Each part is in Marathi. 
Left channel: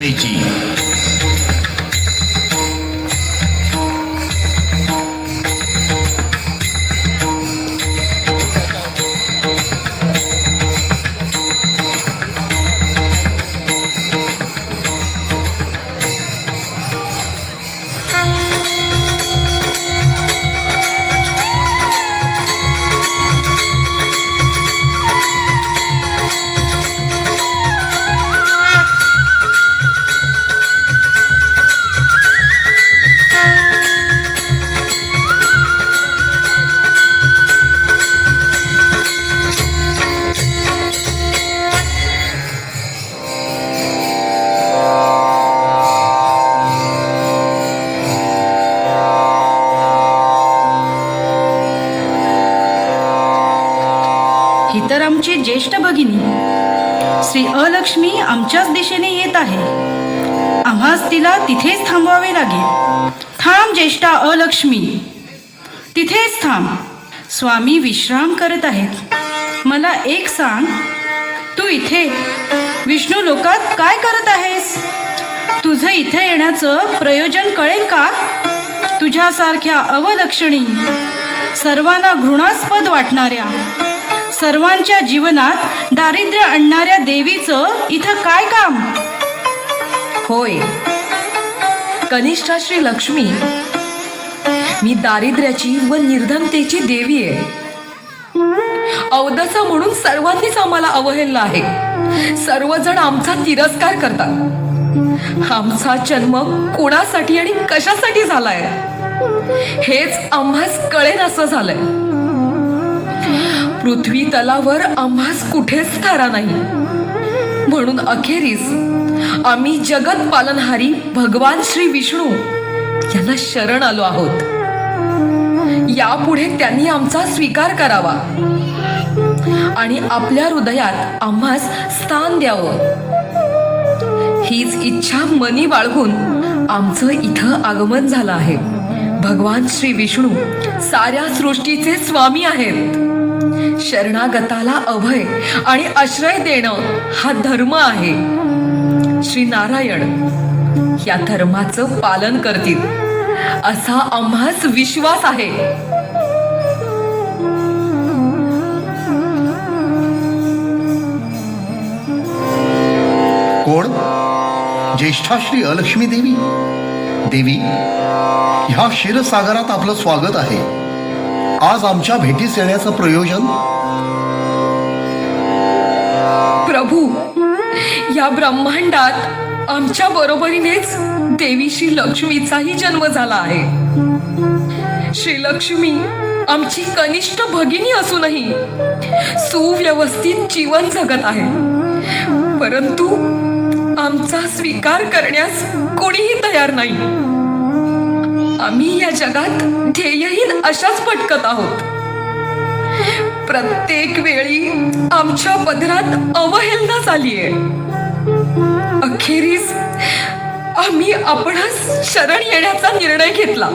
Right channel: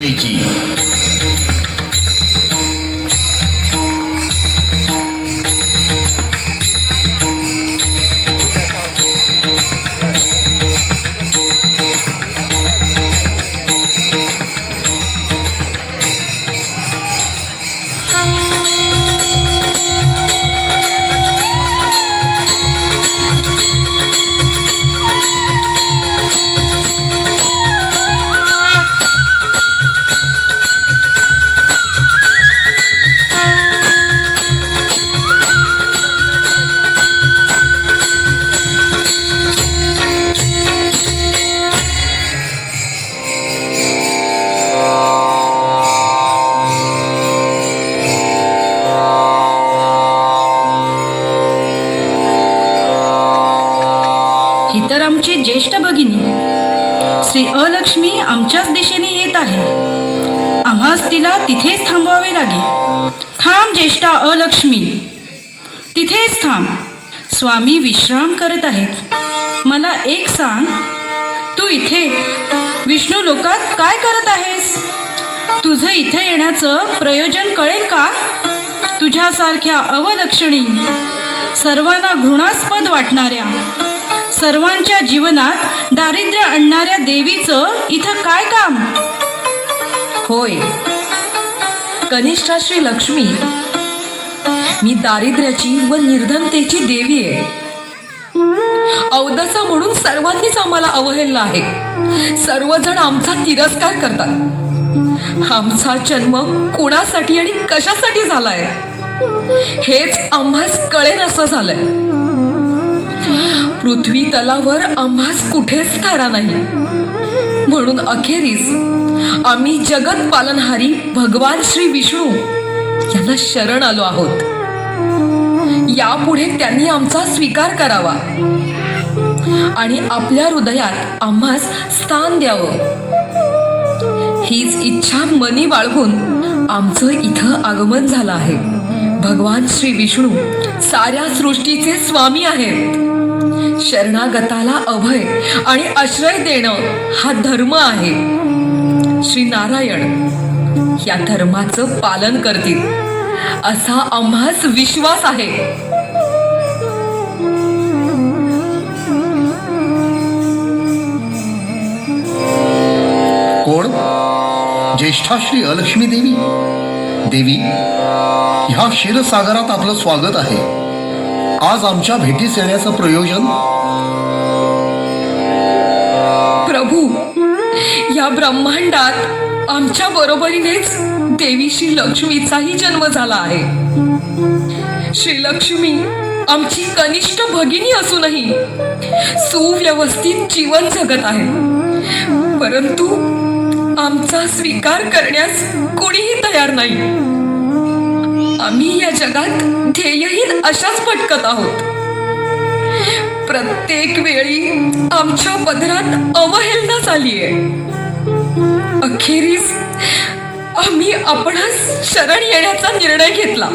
ही तर आमची ज्येष्ठ भगिनी श्री अलक्ष्मी आमच्याच दिशेने येत आहे. आम्हास तिला तिथेच थांबवावे लागेल. थांब ज्येष्ठा अलक्ष्मी, तिथेच थांब. स्वामी विश्राम करत आहेत. मला एक सांग, तू इथे विष्णू लोकात काय करत आहेस? तुझं इथे येण्याचं प्रयोजन कळेल का? तुझ्यासारख्या अवलक्षणी, सर्वांना घृणास्पद वाटणाऱ्या, सर्वांच्या जीवनात दारिद्र्य आणणाऱ्या देवीचं इथं काय काम? होय, कनिष्ठा श्री लक्ष्मी, मी दारिद्र्याची व निर्धनतेची देवी आहे. अवदसा म्हणून सर्वांनीच आम्हाला अवहेललं आहे. सर्वजण आमचा तिरस्कार करतात. आमचा जन्म कोणासाठी आणि कशासाठी झालाय हेच आम्हास कळेल असं झालंय. पृथ्वी तलावर आम्हास कुठेच थारा नाही, म्हणून अखेरीस आम्ही जगत पालनहारी भगवान श्री विष्णू यांना शरण आलो आहोत. यापुढे त्यांनी आमचा स्वीकार करावा आणि आपल्या हृदयात आम्हास स्थान द्यावं, हीच इच्छा मनी बाळगून आमचं इथं आगमन झालं आहे. भगवान श्री विष्णू साऱ्या सृष्टीचे स्वामी आहेत. शरणागताला अभय आणि आश्रय देणं हा धर्म आहे. श्री नारायण या धर्माचं पालन करतील असा आम्हास विश्वास आहे. कोण? ज्येष्ठा श्री अलक्ष्मी देवी. देवी, ह्या क्षीरसागरात आपलं स्वागत आहे. आज आमच्या भेटीस येण्याचं प्रयोजन? प्रभू, या ब्रह्मांडात आमच्या बरोबरीनेच देवी श्री लक्ष्मीचाही जन्म झाला आहे. श्री लक्ष्मी आमची कनिष्ठ भगिनी असूनही सुव्यवस्थित जीवन जगत आहे, परंतु आमचा स्वीकार करण्यास कोणीही तयार नाही. आम्ही या जगात ध्येयहीन अशाच भटकत आहोत. प्रत्येक वेळी आमच्या पदरात अवहेलना झालीये. अखेरीस आम्ही आपणास शरण येण्याचा निर्णय घेतला.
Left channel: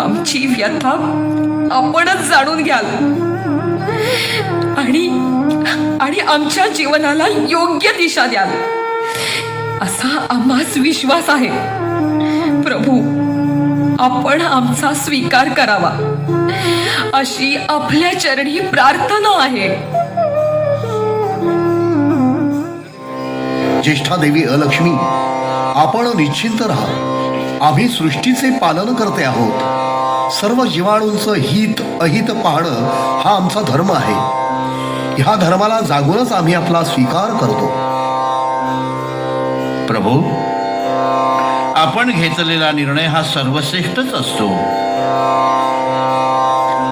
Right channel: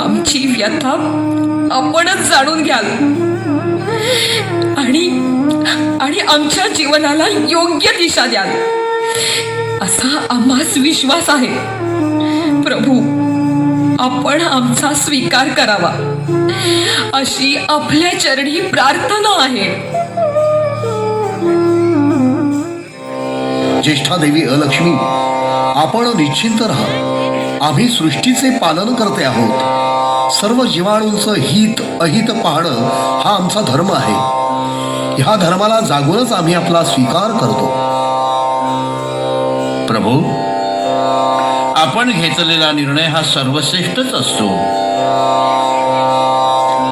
आमची व्यथा आपणच जाणून घ्याल आणि आमच्या जीवनाला योग्य दिशा द्याल असा आम्हास विश्वास आहे. प्रभू, आपण आमचा स्वीकार करावा अशी आपल्या चरणी प्रार्थना आहे. ज्येष्ठा देवी अलक्ष्मी, आपण निश्चिंत राहा. आम्ही सृष्टीचे पालन करते आहोत. सर्व जीवाणूंचं हित अहित पाहणं हा आमचा धर्म आहे. ह्या धर्माला जागूनच आम्ही आपला स्वीकार करतो. प्रभू, आपण घेतलेला निर्णय हा सर्वश्रेष्ठच असतो,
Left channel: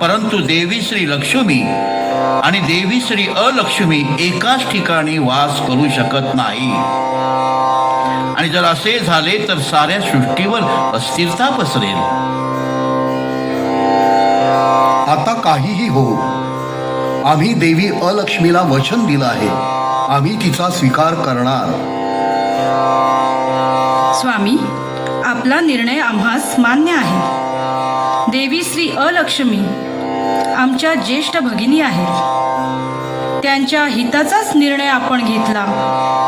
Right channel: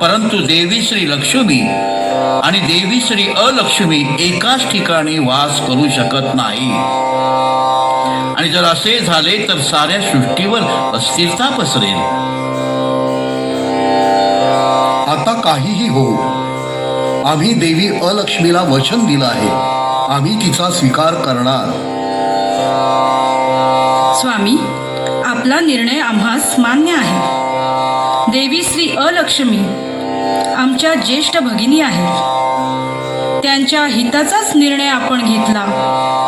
परंतु देवी श्री लक्ष्मी आणि देवी श्री अलक्ष्मी एकाच ठिकाणी वास करू शकत नाही. आणि जर असे झाले तर साऱ्या सृष्टीवर अस्थिरता पसरेल. आता काहीही हो, आम्ही देवी अलक्ष्मीला वचन दिलं आहे. आम्ही तिचा स्वीकार करणार. स्वामी, आपला निर्णय आम्हास मान्य आहे. देवी श्री अलक्ष्मी आमच्या ज्येष्ठ भगिनी आहेत. त्यांच्या हिताचाच निर्णय आपण घेतला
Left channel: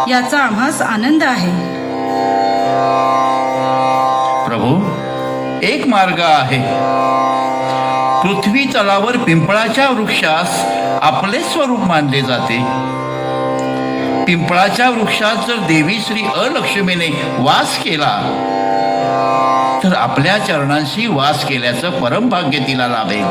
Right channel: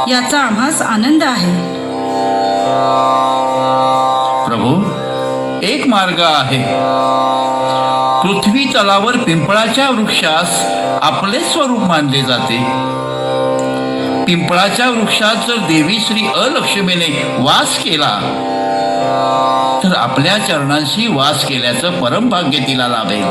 याचा आम्हास आनंद आहे. प्रभू, एक मार्ग आहे. पृथ्वी तलावर पिंपळाच्या वृक्षास आपले स्वरूप मानले जाते. पिंपळाच्या वृक्षात जर देवी श्री अलक्ष्मीने वास केला तर आपल्या चरणांशी वास केल्याचं परमभाग्य तिला लाभेल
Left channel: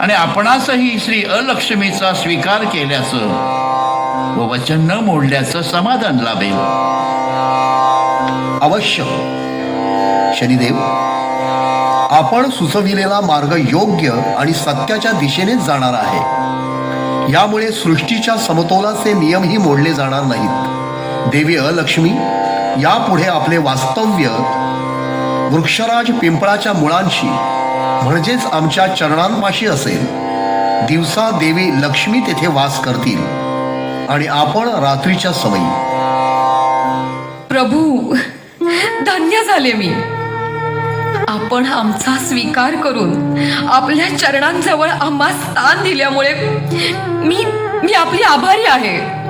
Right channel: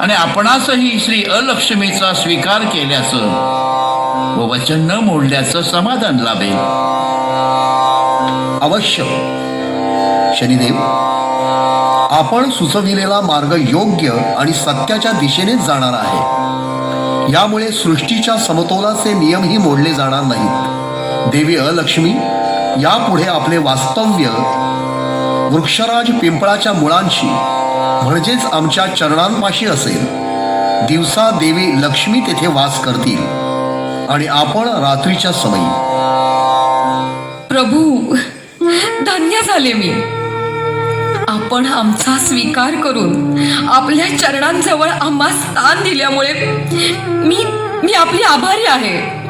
आणि आपणासही श्री अलक्ष्मीचा स्वीकार केल्याचं व वचन न मोडल्याचं समाधान लाभेल. अवश्य शनिदेव, आपण सुचविलेला मार्ग योग्य आणि सत्याच्या दिशेनेच जाणार आहे. यामुळे सृष्टीच्या समतोलाचे नियमही मोडले जाणार नाहीत. देवी अलक्ष्मी यापुढे आपले वास्तव्य वृक्षराज पिंपळाच्या मुळांशी म्हणजेच आमच्या चरणांपाशी असेल. दिवसा देवी लक्ष्मी तेथे वास करतील आणि आपण रात्रीच्या समयी. प्रभू, धन्य झाले मी. आपण आमचा स्वीकार करून आपल्या चरणांजवळ आम्हा स्थान दिल्यामुळे मी आपली आभारी आहे.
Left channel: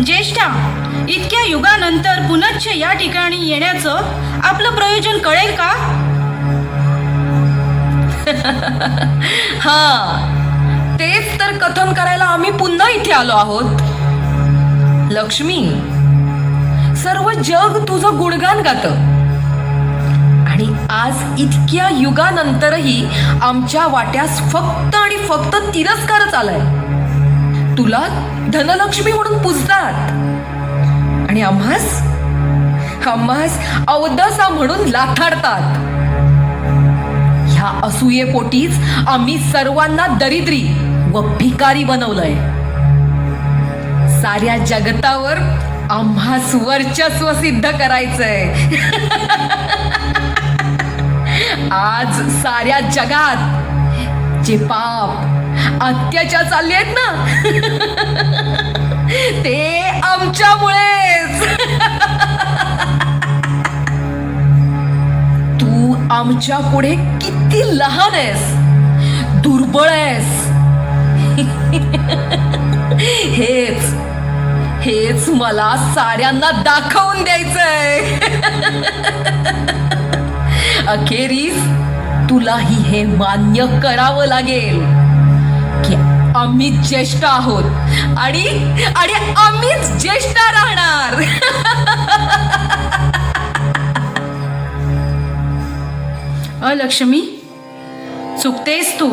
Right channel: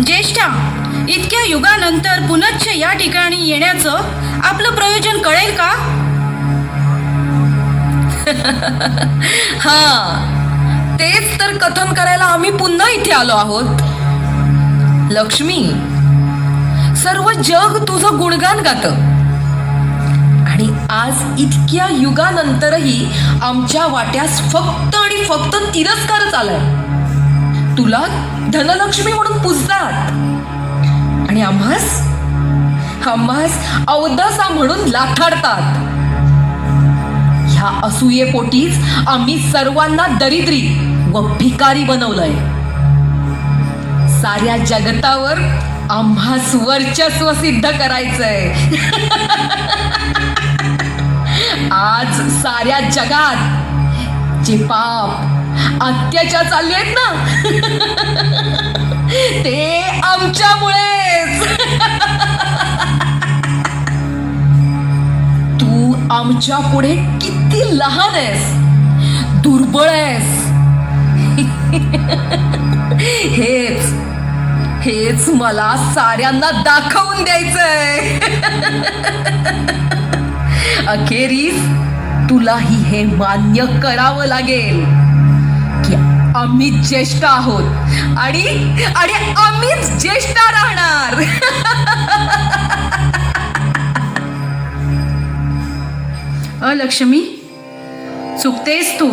ज्येष्ठा, इतक्या युगानंतर पुनश्च या ठिकाणी येण्याचं आपलं प्रयोजन कळेल का? हा, तेच तर कथन करायला आम्ही पुन्हा इथे आलो आहोत. लक्ष्मी, सर्व जग तुझं गुणगान गातं आणि आज इतक्या युगानंतरही आमच्या वाट्यास फक्त आणि फक्त तिरस्कारच आलाय. तुला धनलक्ष्मी म्हणून पूजतात आणि आम्हास अवदसा म्हणून लाथाडतात. ह्या असूयेपोटीच आम्ही सर्वांना दरिद्री व भिकारी बनवलंय. साऱ्या जगतावर आम्हास वर्चस्व सिद्ध करायचंय. आज साऱ्या जगात जे पाप अत्याचार चालले आहेत ना ते आमच्यामुळेच. तू आमच्या पुढे किती लहान आहेस, दुर्बळ आहेस. हेच मला साऱ्यांना दाखवून द्यायचंय. अखेरीस तुलाही हे मान्य करावं लागेल की आम्ही ज्येष्ठ आहोत आणि आम्हीच ज्येष्ठ राहणार. अलक्ष्मी, चुकतेस तू.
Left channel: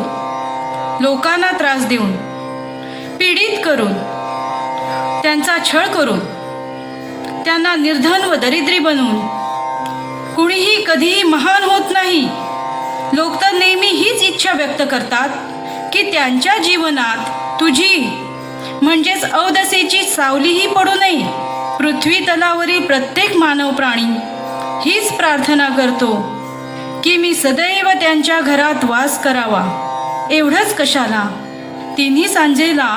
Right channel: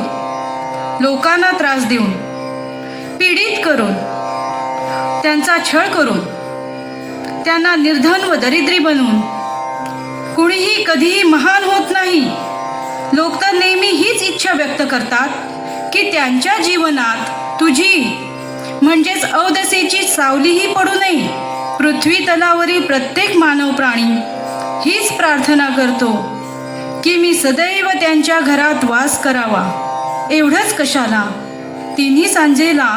लोकांना त्रास देऊन, पीडित करून, त्यांचा छळ करून, त्यांना निर्धन व दरिद्री बनवून कुणीही कधीही महान होत नाही. लोक तर नेहमी हीच इच्छा व्यक्त करतात की त्यांच्या जीवनात तुझी म्हणजेच अवदसेची सावलीही पडू नये. पृथ्वी तलावरील प्रत्येक मानव प्राणी हीच प्रार्थना करतो की मी सदैव त्यांच्या घरात वास करावा. एवढंच कशाला, तिन्ही सांजेला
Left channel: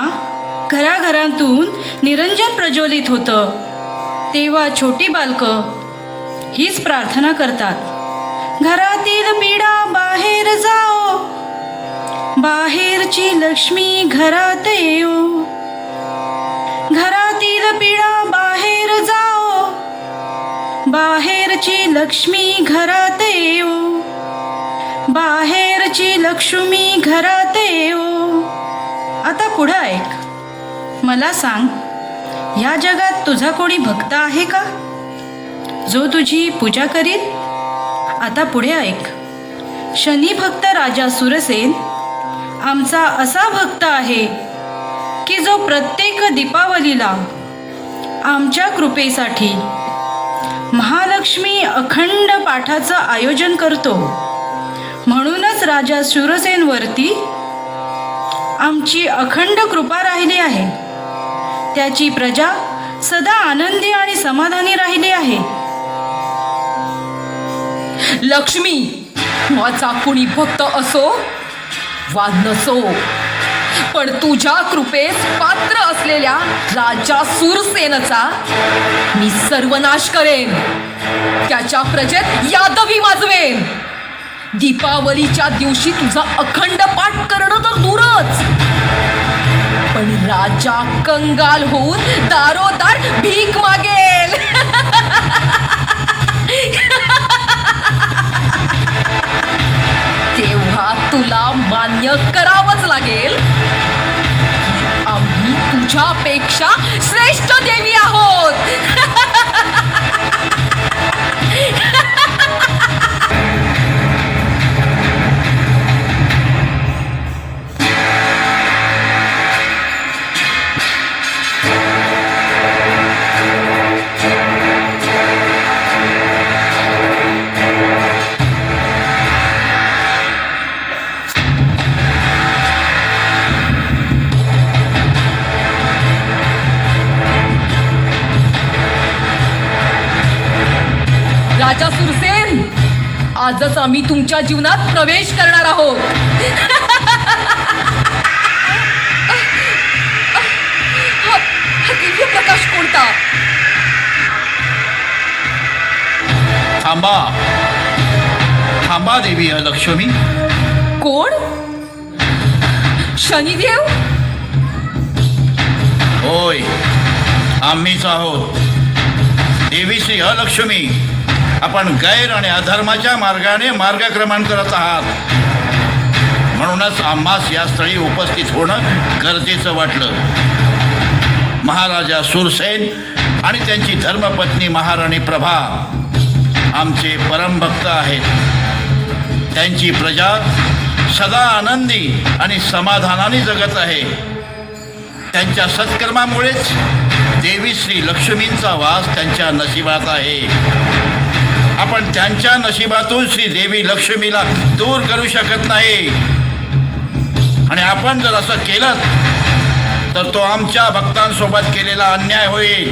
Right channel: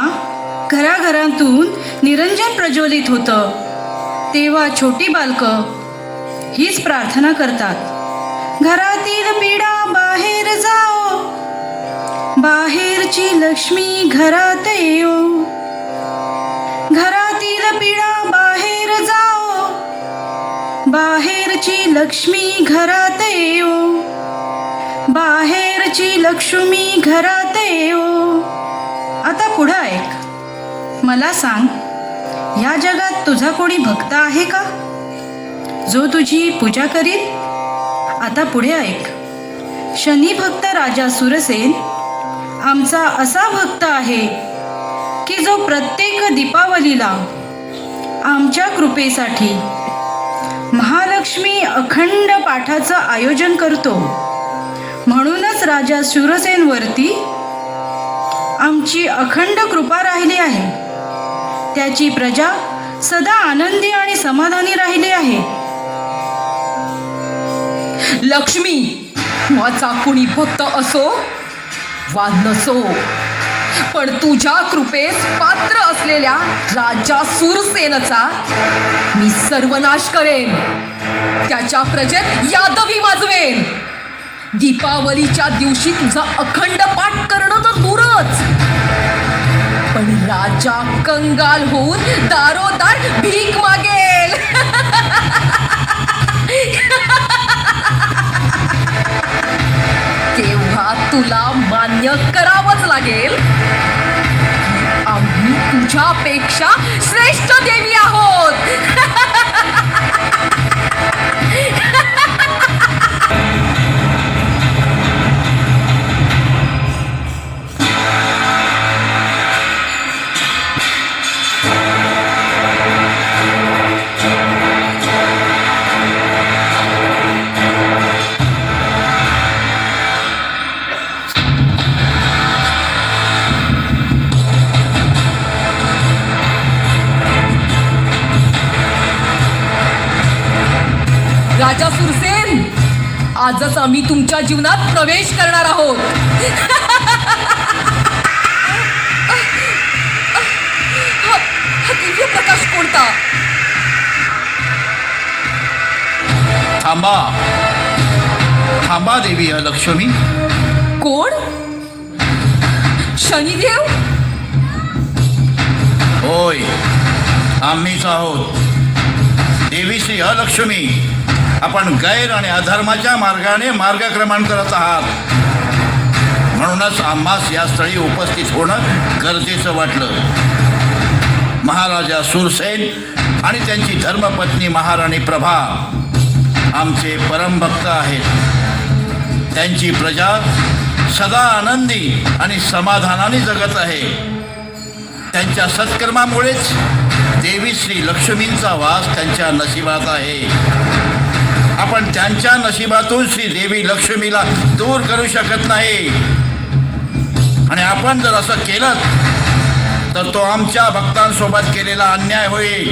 घराघरातून निरंजन प्रज्वलित होतं तेव्हा छोटी बालकं हीच प्रार्थना करतात. घरातील पीडा बाहेर जाओ, बाहेरची लक्ष्मी घरात येऊ. घरातील पीडा बाहेर जाओ, बाहेरची लक्ष्मी घरात येऊ. बाहेरची लक्ष्मी घरात येऊ. आता पुढं ऐक. मला सांग, या जगात तुझा कोणी भक्त आहे का जो तुझी पूजा करील? आता पुढे ऐक. शनी भक्त राजा सुरसेन आमचा असा भक्त आहे की जो प्रत्येक दीपावलीला आमच्या कृपेसाठी महालक्ष्मी अखंड पाठाचं आयोजन करतो. म्हणूनच राजा शूरसेनवरती आमची अखंड कृपा राहिली आहे. त्याची प्रजा सदा आनंदी आणि समाधानी राहिली आहे. लक्ष्मी, माझा कुणी भक्त असो वा नसो, पण तुझ्या कृपेस पात्र असलेल्या राजा सूरसेनचा मी सर्वनाश करेन. त्याच्या प्रजेत यादवी माजवेन. दीपावलीच्या दिवशी तुझा अखंड पाठ करणं तर दूरच, पण राजा कंगाल होऊन दारोदार भीक मागेल. तेव्हा तुला मान्य करावंच लागेल, आम्ही तुझ्यापेक्षा श्रेष्ठ देवी आहोत. राजा सुरसेन, आजच आम्ही तुमच्या जीवनात प्रवेश करणार आहोत. हा दिव्य प्रकाश कोणता? थांबा थांबा देवी लक्ष्मी. कोण? शनिदेव? होय, आम्हीच आहोत. देवी श्री अलक्ष्मी, आपण गैर आणि अधर्माच्या मार्गाने मार्गक्रमण करत आहात. म्हणूनच आम्हास या स्थळी उपस्थित होणं गरजेचं वाटलं. महाराजा सूरसेन आणि त्यांची धर्मपत्नी महाराणी प्रभा आमचे परमभक्त आहेत. त्यांची प्रजा सदा आनंदी आणि समाधानाने जगत आहे. त्यांच्या सत्कर्मामुळेच देवी श्री लक्ष्मींचा वास त्यांच्या नशिबात आहे. आपण त्यांच्या नशिबातून श्री देवी लक्ष्मीला दूर करू शकत नाही. आणि आपण जर असं केलं तर तो आमच्या भक्तांसोबत केलेला अन्याय होईल.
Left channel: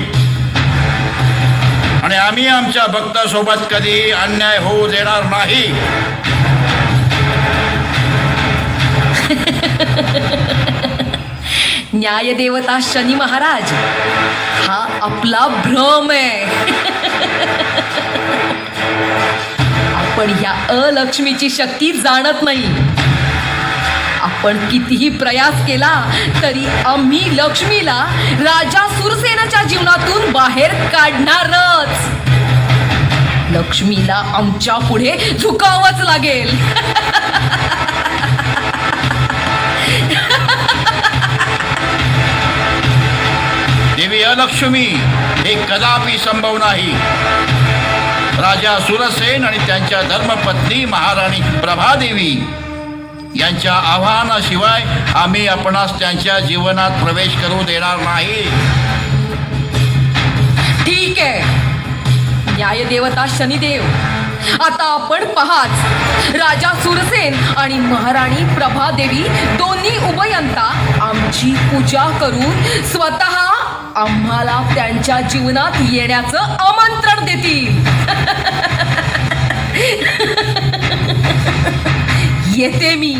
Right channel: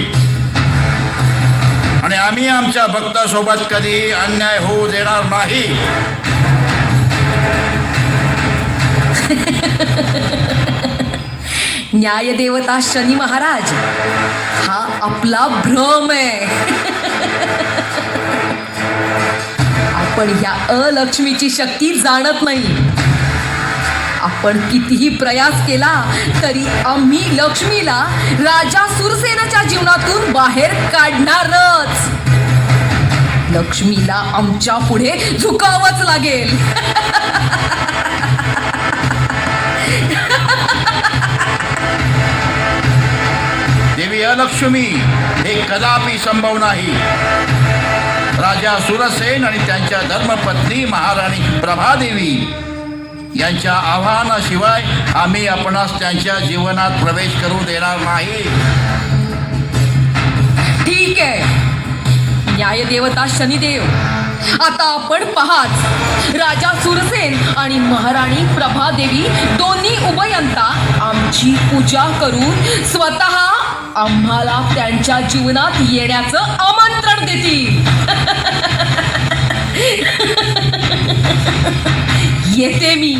आणि आम्ही आमच्या भक्तांसोबत कधी अन्याय होऊ देणार नाही. न्यायदेवता शनी महाराज, हा आपला भ्रम आहे. आपण या अलक्ष्मीची शक्ती जाणत नाही. आपण कितीही प्रयास केला तरी आम्ही लक्ष्मीला राजा सुरसेनाच्या जीवनातून बाहेर काढणारच. लक्ष्मीला आमच्या पुढे झुकावंच लागेल. देवी अलक्ष्मी, हे कदापि संभव नाही. राजा सुरसेन आणि त्यांच्या धर्मपत्नी महाराणी प्रभादेवी यांच्या आव्हानाशिवाय आम्ही आपणास त्यांच्या जीवनात प्रवेश करू देणार नाही. ठीक आहे न्यायदेवता शनिदेव, आता आपण पहाच. राजा सुरसेन आणि महाराणी प्रभादेवी दोन्ही उभयंता आमची पूजा करून स्वतः आम्हाला त्यांच्या जीवनात येण्याचं आमंत्रण देतील. येते मी.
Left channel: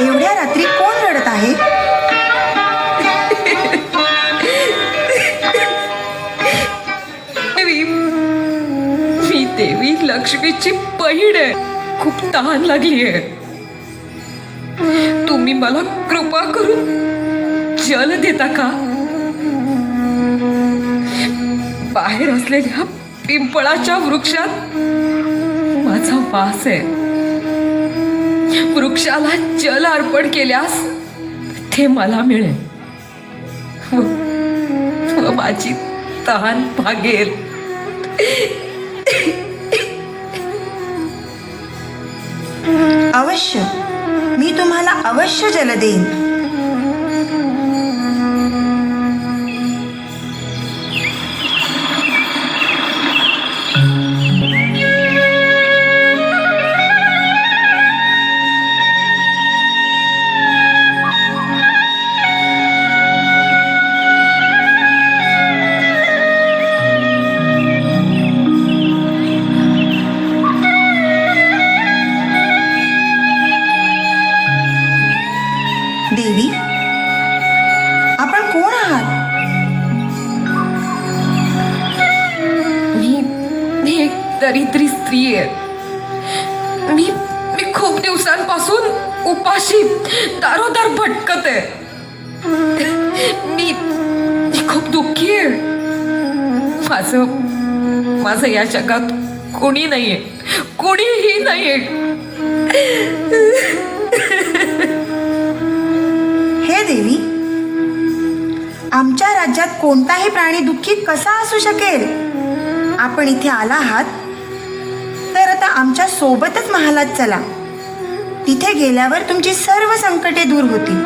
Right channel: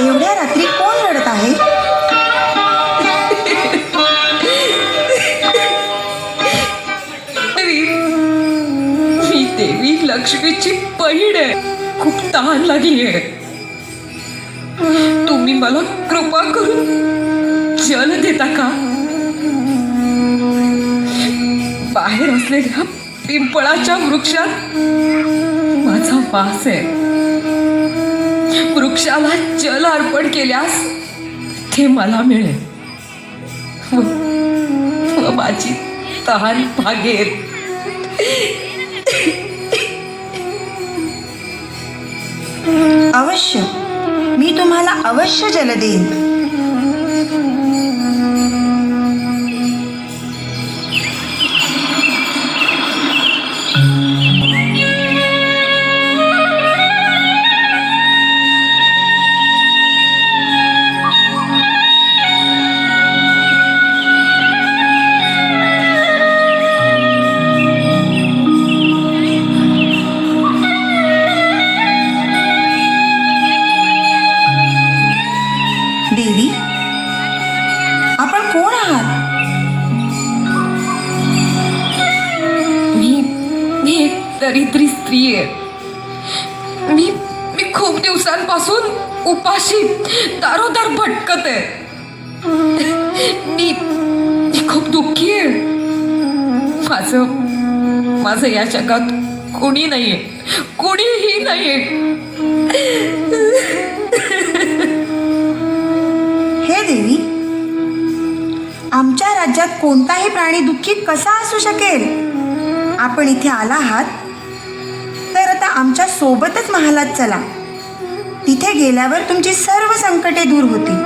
एवढ्या रात्री कोण रडत आहे? मी देवी लक्ष्मीची बहीण आहे. खूप तहान लागली आहे. तुम्ही मला कृपा करून जल देता का? बाहेर असलेल्या पिंपळाच्या वृक्षात वास आहे. वृक्षाला जल अर्पण केल्यास ते मला मिळेल व माझी तहान भागेल. अवश्य, मी तुम्हाला अवश्य जल देईन. देवी, आपण कोण आहात? मी एक दरिद्री स्त्री आहे. मी खूप दिवसांपासून उपाशी दारोदार भटकत आहे. मी खूप दुःखी आहे. माझं या जगात कोणी नाहीये, कोणीही नाहीये. हे देवी, आमच्या राज्यात कोणताही प्राणी दुःखी कसा असू शकेल? आपण इथे आला आहात तर आता आमच्या सोबतच महालात चला. तिथे गेल्यावर तुमची सर्व संकटे दूर होतील.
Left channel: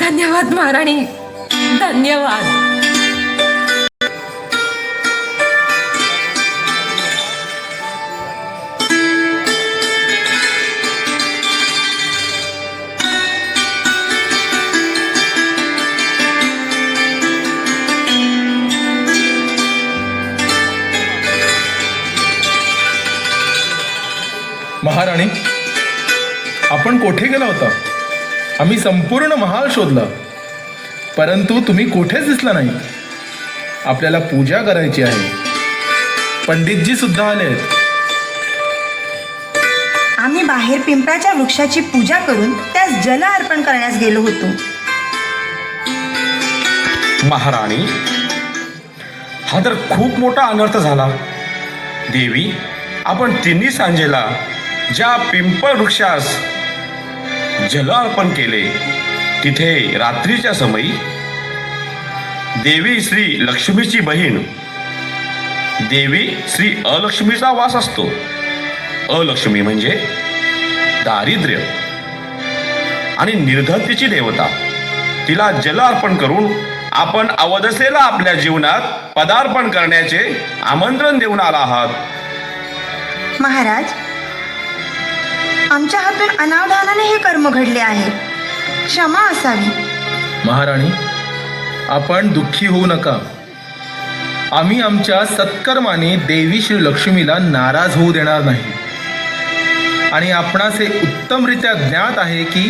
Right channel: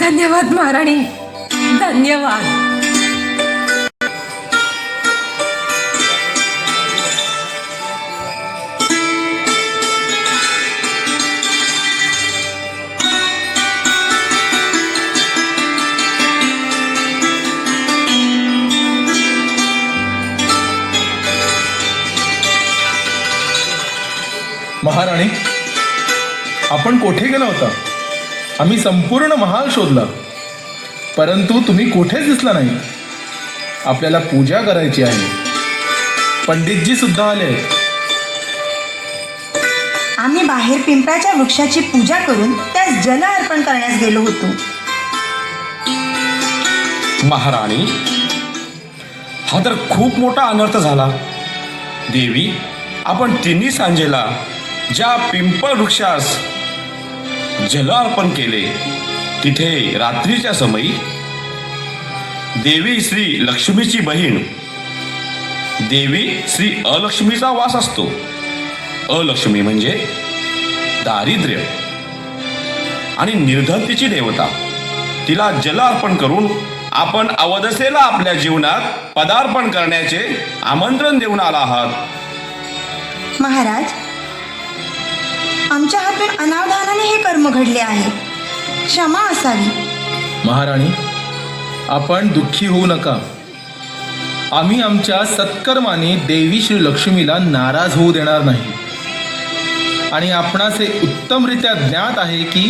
धन्यवाद महाराणी, धन्यवाद. महाराणी, आपण कोठे गेला होता? आम्ही संपूर्ण महाल शोधला, परंतु तुम्ही कोठेच दिसला नाही. आपल्याला पूजा करायची आहे. पंडितजी सुद्धा आले. आम्ही बाहेर पिंपळाच्या वृक्षाची पूजा करून त्यास जल अर्पण करण्यास गेलो होतो. महाराणी, हा तर खूप मोठा अनर्थ झाला. देवी, आपण तिन्ही सांजेला ज्या पिंपळ वृक्षास जल अर्पण केले तिथे रात्रीच्या समयी देवी श्री लक्ष्मीची बहीण देवी श्री अलक्ष्मीचा वास असतो. अलक्ष्मी म्हणजे दारिद्र्य आणि निर्धनतेची देवता. तिला जल अर्पण करून आपण अवदसेला आपल्या जीवनात पदार्पण करण्याचे आमंत्रण देऊन आला आहात. महाराज, आमच्या हातून अनावधानाने हे कर्म घडले आहे. क्षमा असावी. महाराणी, आपण दुःखी होऊ नका. आम्ही आमच्या सत्कर्माने देवी श्री लक्ष्मीला नाराज होऊ देणार नाही. आणि आपणास हे उत्तमरित्या ज्ञात आहे की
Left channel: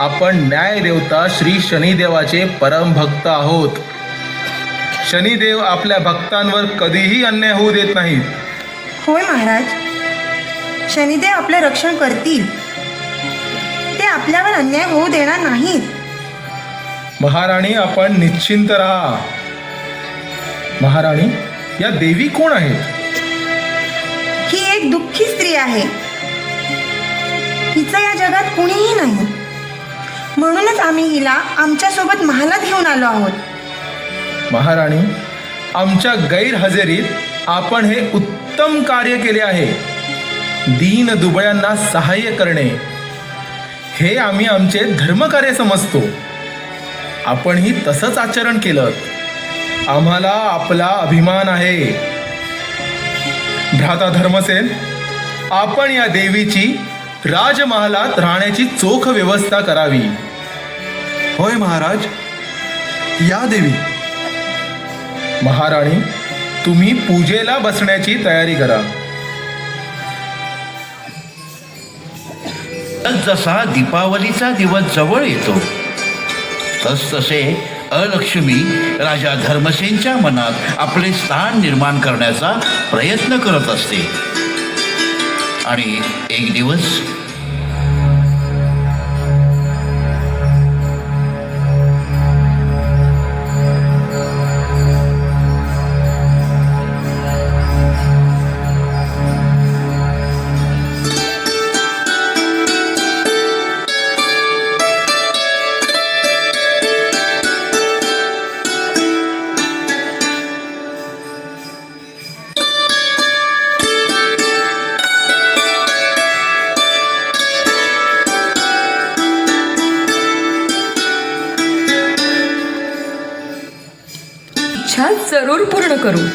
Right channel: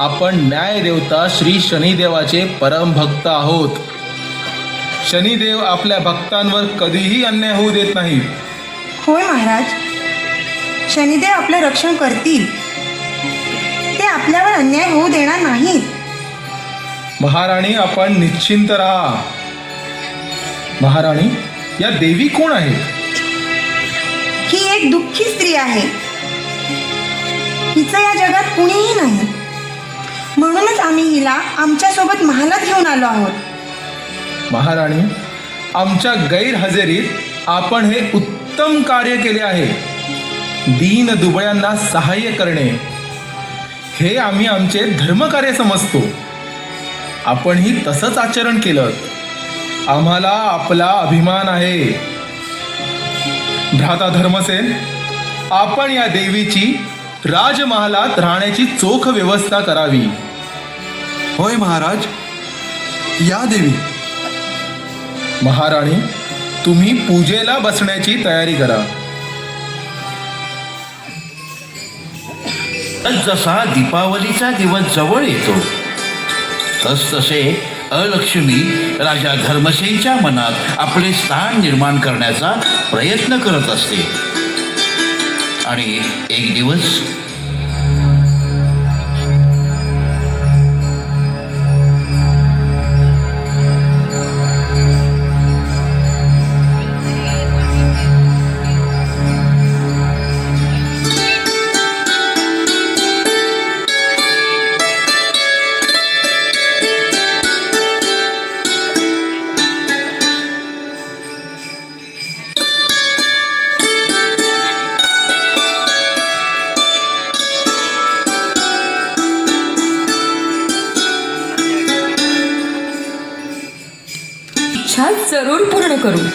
आपण न्यायदेवता श्री शनिदेवाचे परमभक्त आहोत. शनिदेव आपल्या भक्तांवर कधीही अन्याय होऊ देत नाहीत. होय महाराज, शनिदेव आपले रक्षण करतील. ते आपल्यावर अन्याय होऊ देणार नाहीत. महाराणी, आपण निश्चिंत राहा. महाराणी, या देवी कोण आहेत? ही एक दुःखी स्त्री आहे. हिचं या जगात कुणीही नाही. म्हणूनच आम्ही हिला आमच्यासोबत महालात घेऊन आलो आहोत. महाराणी, आमच्या गैरहजेरीत आपण हे उत्तम कार्य केले आहे. दीन दुबळ्यांना सहाय्य करणे हे आम्ही आमचे धर्मकार्य समजतो. आपणही तसंच आचरण केलं. आम्हाला आपला अभिमान आहे. भ्राता धर्मसेन, आपण या देवीची राजमहालात राहण्याची चोख व्यवस्था करावी. होय महाराज, या देवी. महाराणी, तुम्ही पूजेला बसण्याची तयारी करा. जसा दीपावलीचा दिवस जवळ येतो तसतसे अलक्ष्मी राजा धर्मसेनच्या मनात आपले स्थान निर्माण करण्याचा प्रयत्न करत असते. आणि एक दिवस जरूर पूर्ण करू.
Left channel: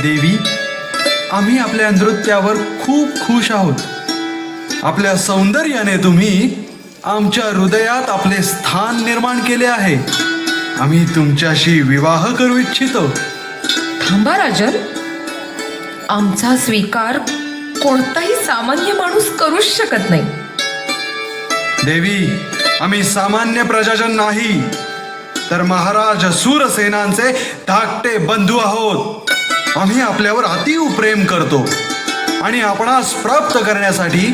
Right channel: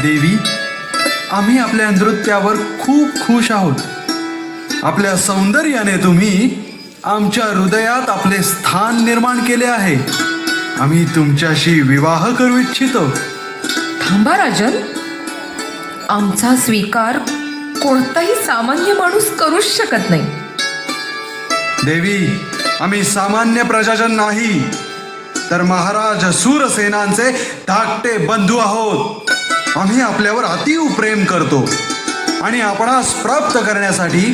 देवी, आम्ही आपल्या नृत्यावर खूप खुश आहोत. आपल्या सौंदर्याने तुम्ही आमच्या हृदयात आपले स्थान निर्माण केले आहे. आम्ही तुमच्याशी विवाह करू इच्छितो. थांबा राजन, आमचा स्वीकार कोणताही सामान्य माणूस करूच शकत नाही. देवी, आम्ही सामान्य प्रजाजन नाही, तर महाराज सूरसेनांचे धाकटे बंधू आहोत. आम्ही आपल्यावर अतीव प्रेम करतो आणि आपणास प्राप्त करण्यासाठी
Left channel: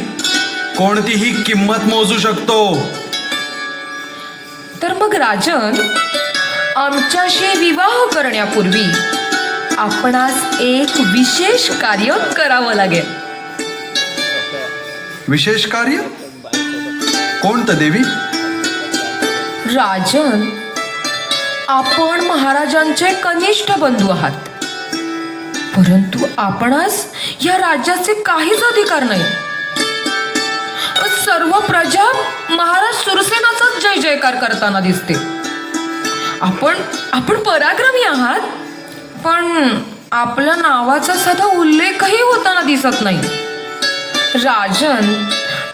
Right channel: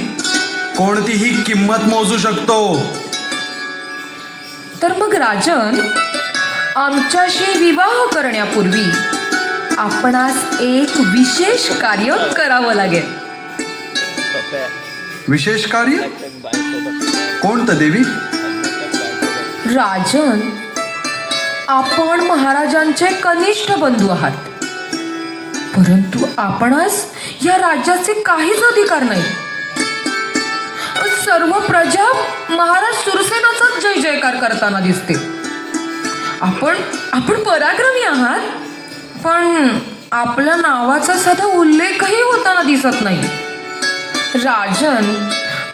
कोणतीही किंमत मोजू शकतो. तर मग राजन, आमच्याशी विवाह करण्यापूर्वी आपणास एक विशेष कार्य करावं लागेल. विशेष कार्य कोणतं देवी? राजन, आपण महाराजांचे कनिष्ठ बंधू आहात, परंतु आपणास या राज्याचे काहीच अधिकार नाही. सर्व प्रजा महाराज सुरसेनाचाच जय जयकार करताना दिसते. आपण पराक्रमी आहात, पण आपल्या नावाचा साधा उल्लेखही होताना दिसत नाही. राजन,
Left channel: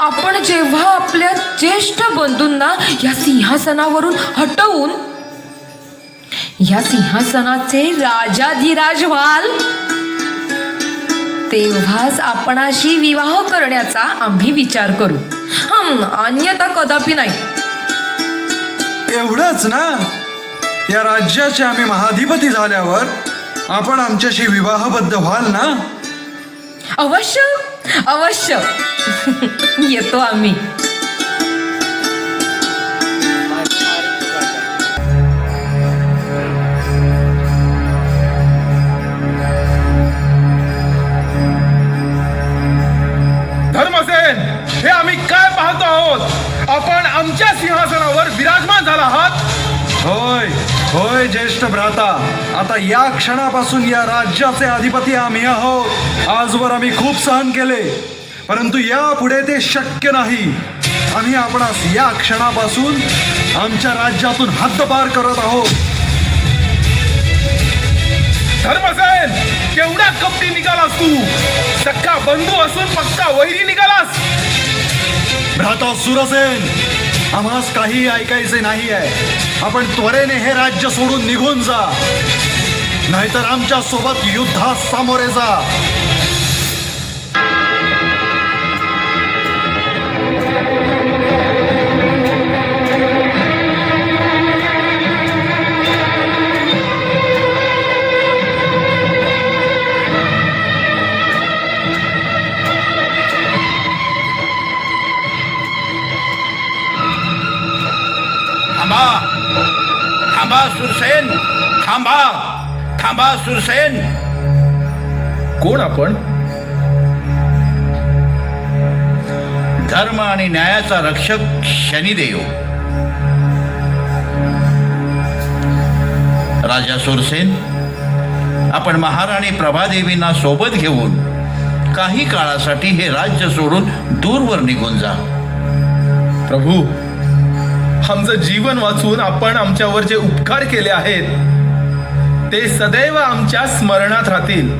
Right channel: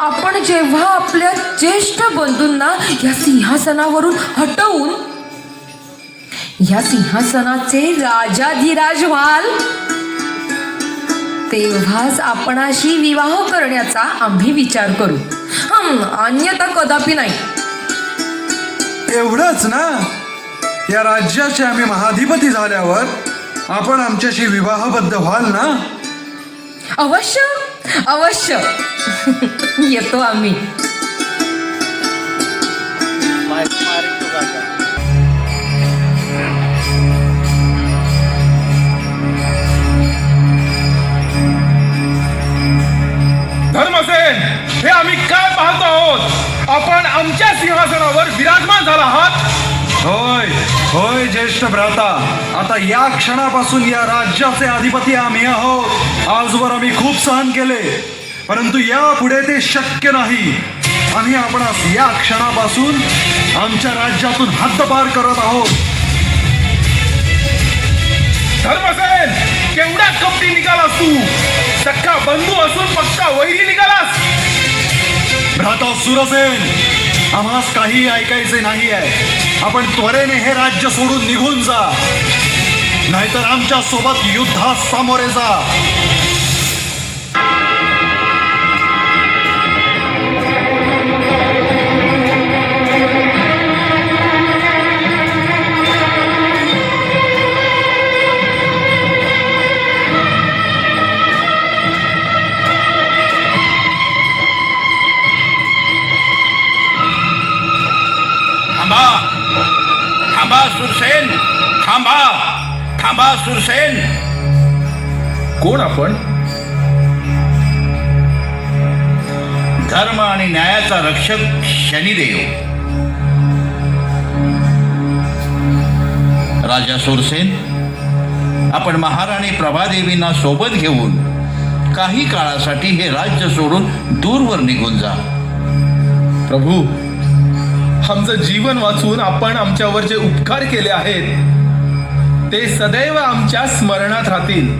आपण जेव्हा आपल्या ज्येष्ठ बंधूंना या सिंहासनावरून हटवून या सिंहासनाचे राजाधिराज व्हाल, तेव्हाच आपणाशी विवाह करण्याचा आम्ही विचार करू. अन्यथा कदापि नाही. एवढंच ना? या राज्याचे आम्ही महाधिपती झाल्यावर आपण आमच्याशी विवाहबद्ध व्हाल ना? अवश्य अवश्य येतो आम्ही. धर्मसेन, हे आम्ही काय पाहतो आहोत? आपण आमच्या सिंहासनावर विराजमान झाला आहात. होय होय ज्येष्ठ भ्राता, आता या क्षणापासून या राज्याचे अधिपती आम्ही आहोत. आजवर आम्ही खूप सहन केले, परंतु यापुढे ते शक्य नाही. आम्ही आपणास या क्षणापासून आमच्या राज्यातून हद्दपार करत आहोत. धर्मसेन, केवढा कपटी निघालास तू. सक्का बंधू असून पक्का वैरी निघालास. भ्राता सुरसेन, आम्हास काही ऐकायचे नाही आहे. आपण त्वरेने हे राज्य सोडून निघून जा, नाहीतर आमच्या सोबत युद्धास सामोरे जा. थांबा सुरसेन, थांबा, थांबा सुरसेन. कोण आपण? धर्म आणि न्यायाचा रक्षक शनिदेव. राजा सुरसेन, आपण महाराणी प्रभादेवींना सोबत घेऊन काही काळासाठी हे राज्य सोडून दूरवर निघून जा. प्रभू, आमचं जीवन वाचून आपण आमच्यावर जे उपकार केले आहेत ते सदैव आमच्या स्मरणात राहतील.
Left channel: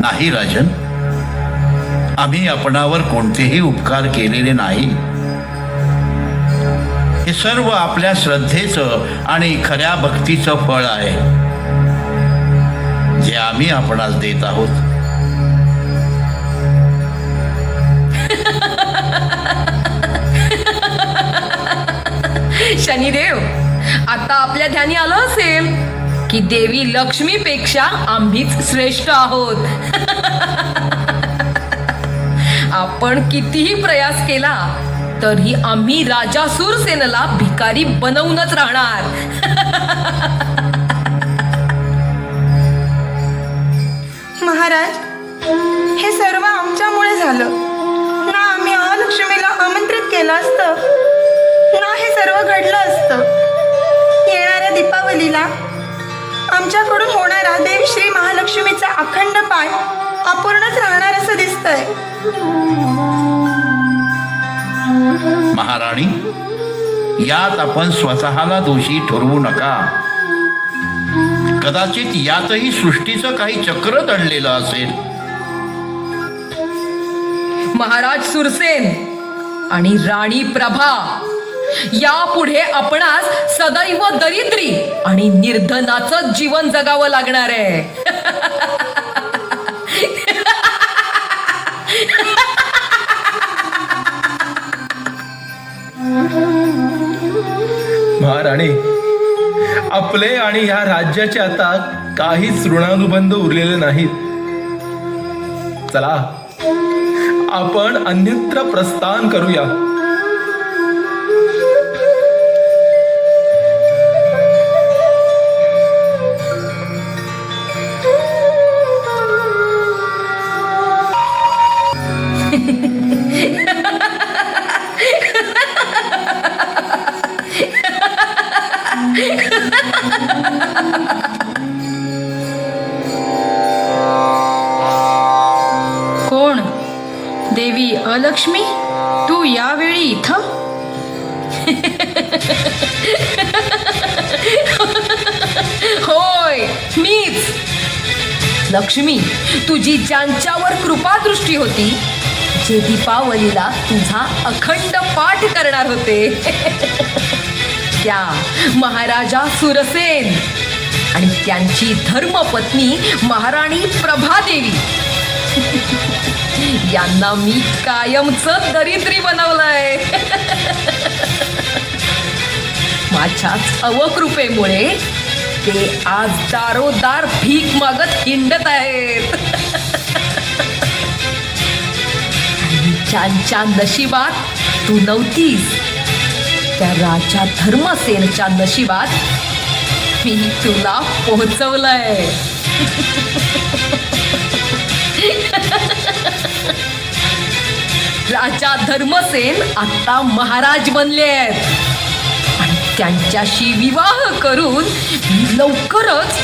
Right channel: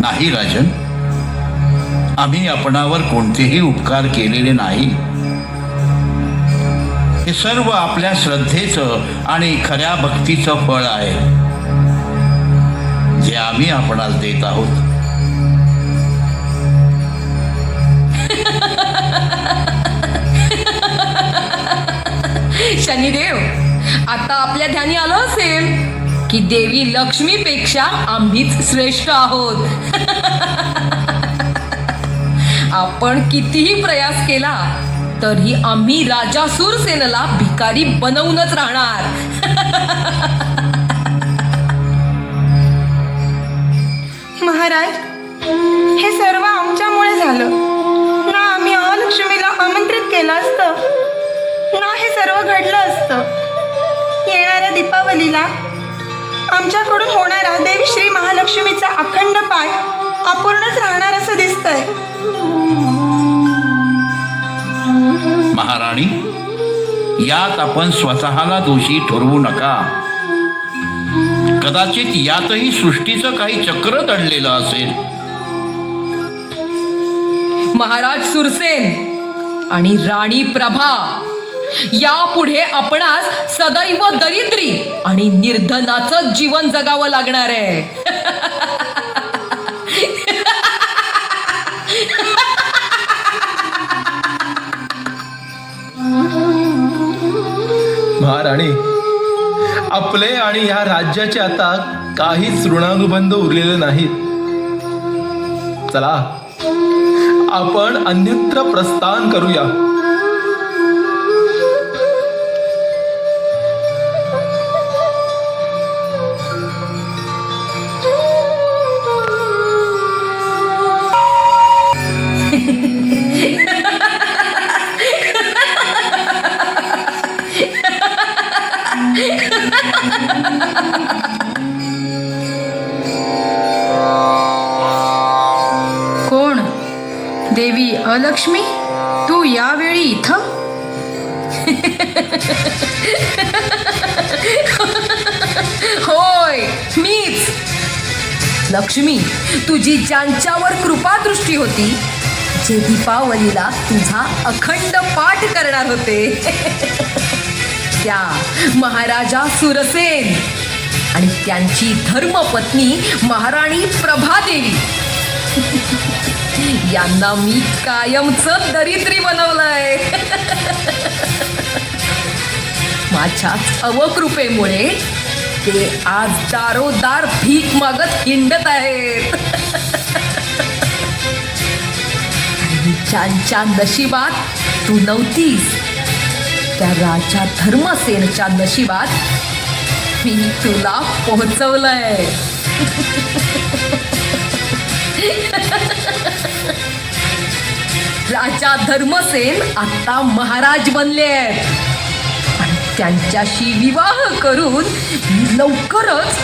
नाही राजन, आम्ही आपणावर कोणतेही उपकार केलेले नाही. हे सर्व आपल्या श्रद्धेचं आणि खऱ्या भक्तीचं फळ आहे जे आम्ही आपणास देत आहोत. शनिदेव, आता आपल्या ध्यानी आलं असेल की देवी लक्ष्मीपेक्षा आम्हीच श्रेष्ठ आहोत. आपण कितीही प्रयास केला तरी आम्ही राजा सुरसेनला भिकारी बनवूनच राहणार. महाराज, हे सर्व आमच्यामुळे झालं. ना आम्ही महालक्ष्मीला आमंत्रित केलं असतं, ना हे सर्व घडलं असतं. येणाऱ्या दीपावलीला आमच्याकडून होणारा देवी श्री महालक्ष्मीचा अखंड पाठ अपूर्णच राहणार असं दिसतंय. महाराणी, यात आपण स्वतःला दोषी ठरवू नका. कदाचित यातही सृष्टीचं काही चक्र दडलेलं असेल. महाराज सुरसेन आणि राणी प्रभा यापुढे आपणास सदैव दरिद्री आणि निर्धनाचं जीवन जगावं लागणार आहे. महाराणी, आपले आणि ह्या राज्याचे आता काहीच ऋणानुबंध उरलेले नाहीत. चला, आपण अन्यत्र प्रस्थान करूया. कोण? देवी अलक्ष्मी, तू यावेळी इथं? होय, मीच. लक्ष्मी, तुझी ज्यांच्यावर कृपादृष्टी होती, जे दीपावलीला तुझा अखंड पाठ करणार होते, त्या महाराजा सुरसेन आणि त्यांची धर्मपत्नी महाराणी प्रभादेवी यांना मी कायमच दरिद्री बनवलंय. माझ्याच अवकृपेमुळे ते आज दारोदार भीक मागत हिंडत आहेत. ज्यांच्या नशिबात तू नव्हतीस, त्या राजा धर्मसेनच्या नशिबात मी तुला पोहोचवलंय. राजा धर्मसेन आता महाराज बनले आहेत आणि त्यांच्याशी विवाह करून मी लवकरच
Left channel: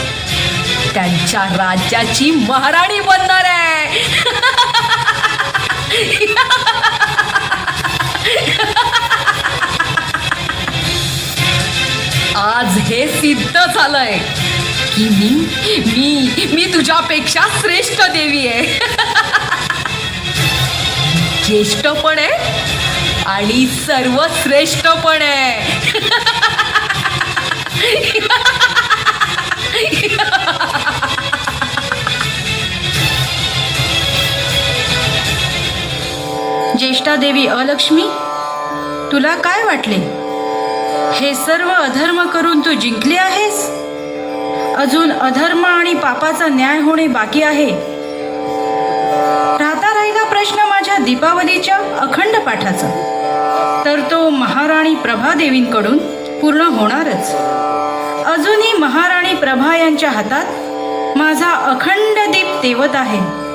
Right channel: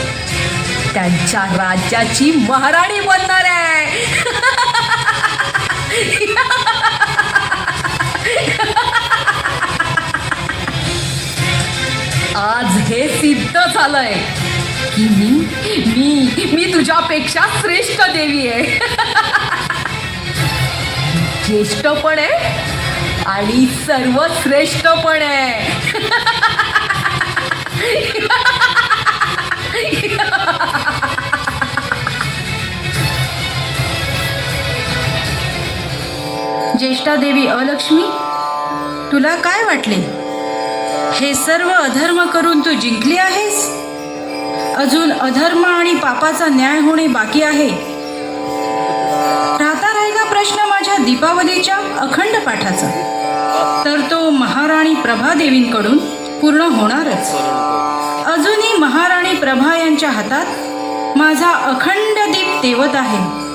त्यांच्या राज्याची महाराणी बनणार आहे. आज हे सिद्ध झालंय की मी तुझ्यापेक्षा श्रेष्ठ देवी आहे. ज्येष्ठ पण आहे आणि सर्वश्रेष्ठ पण आहे. ज्येष्ठा देवी अलक्ष्मी, तुला काय वाटले? हे सर्व अधर्म करून तू जिंकली आहेस? अजून अधर्म आणि पापाचा न्याय होणे बाकी आहे. राहता राहिला प्रश्न माझ्या दीपावलीच्या अखंड पाठाचा, तर तो महाराणी प्रभादेवींकडून पूर्ण होणारच. अजूनही महाराणी प्रभा यांच्या हातात माझा अखंड दीप तेवत आहे.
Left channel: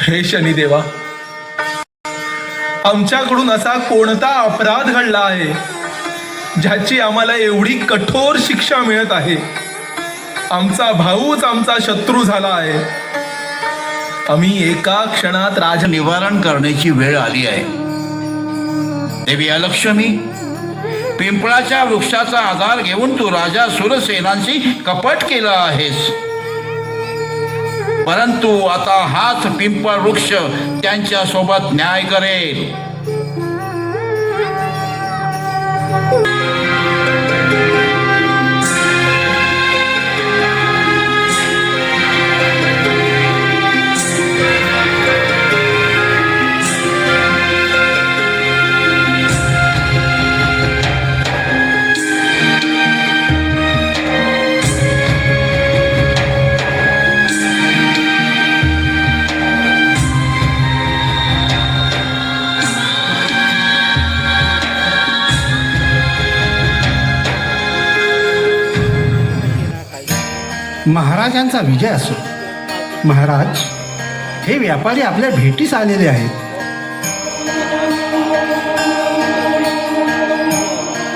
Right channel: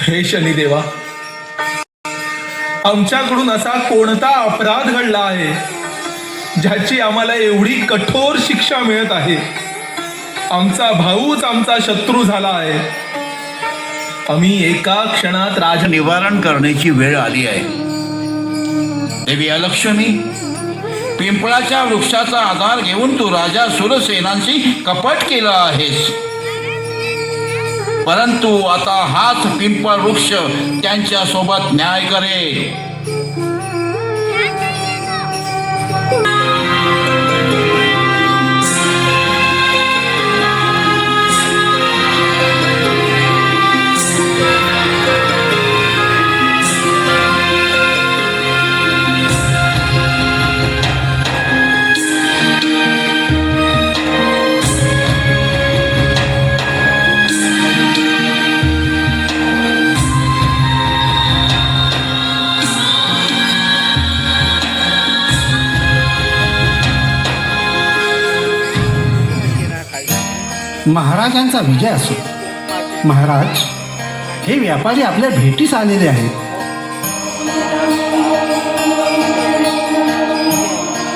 हे शनिदेवा, आमच्याकडून असा कोणता अपराध घडला आहे ज्याची आम्हाला एवढी कठोर शिक्षा मिळत आहे? आमचा भाऊच आमचा शत्रू झाला आहे. आम्ही एका क्षणात राज निवारण करण्याची वेळ आली आहे. देवी अलक्ष्मी, पिंपळाच्या वृक्षाचा आधार घेऊन तू राजा सुरसेनांशी कपट केलं आहेस, परंतु आता हाच पिंपळ वृक्ष त्यांच्या सोबत न्याय करेल. महाराजांचा विजय असो. महाराज, हे व्यापारी आपल्या भेटीस आलेले आहेत.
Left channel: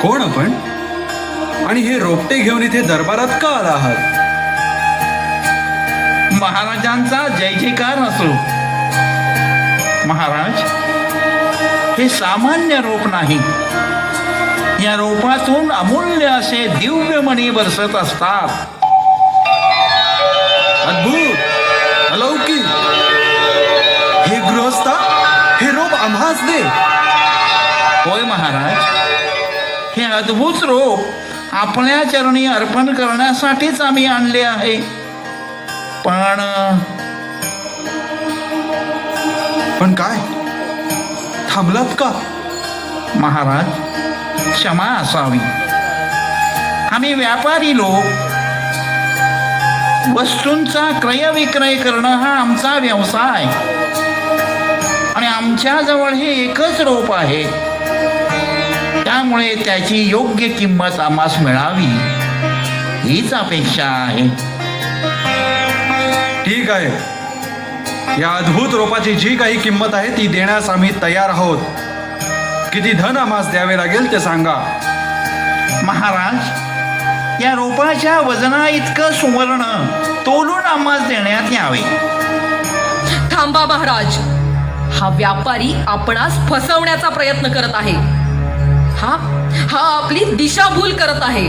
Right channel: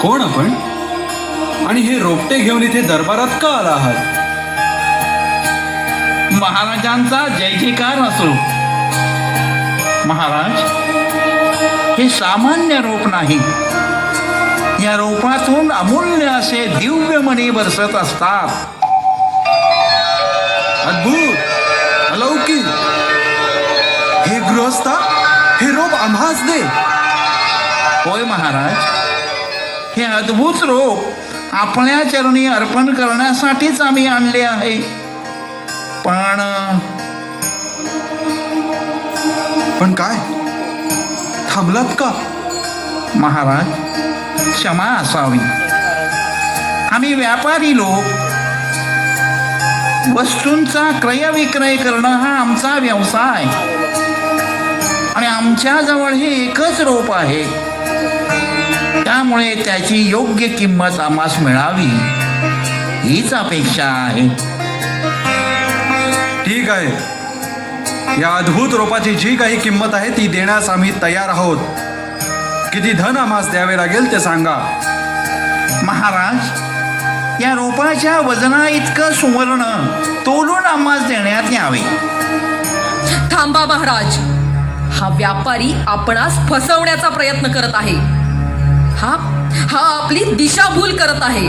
कोण आपण आणि हे रोपटे घेऊन इथे दरबारात का आला आहात? महाराजांचा जय जयकार असो. महाराज, हे सामान्य रोप नाही. या रोपातून अमूल्य असे दिव्य मणी बरसत असतात. अद्भुत, अलौकिक. हे गृहस्था, हे रोप आम्हास दे. होय महाराज, हे अद्भुत रोप आपल्या चरणी अर्पण करण्यासाठीच आम्ही आणले आहे. पण काय, थांबलात का? महाराज, क्षमा असावी. आम्ही व्यापारी लोक, वस्तूंचा क्रय विक्रय करणं हा आमचा व्यवसाय, आणि आमच्याजवळ हे एकच रोप आहे. त्यामुळे त्याची योग्य किंमत आम्हास मिळावी हीच अपेक्षा आहे. ठीक आहे, या अद्भुत रोपाची जी काही किंमत आहे ती देण्यास आम्ही तयार आहोत. किती धन आम्हास द्यावे लागेल ते सांगा. महाराज, या रोपाच्या वजना इतकं सुवर्ण तोलून आम्हास देण्यात यावे. थांबा महाराज, हा व्यापारी आपणास फसवण्याचा प्रयत्न करत आहे. हा आपली दिशाभूल करत आहे.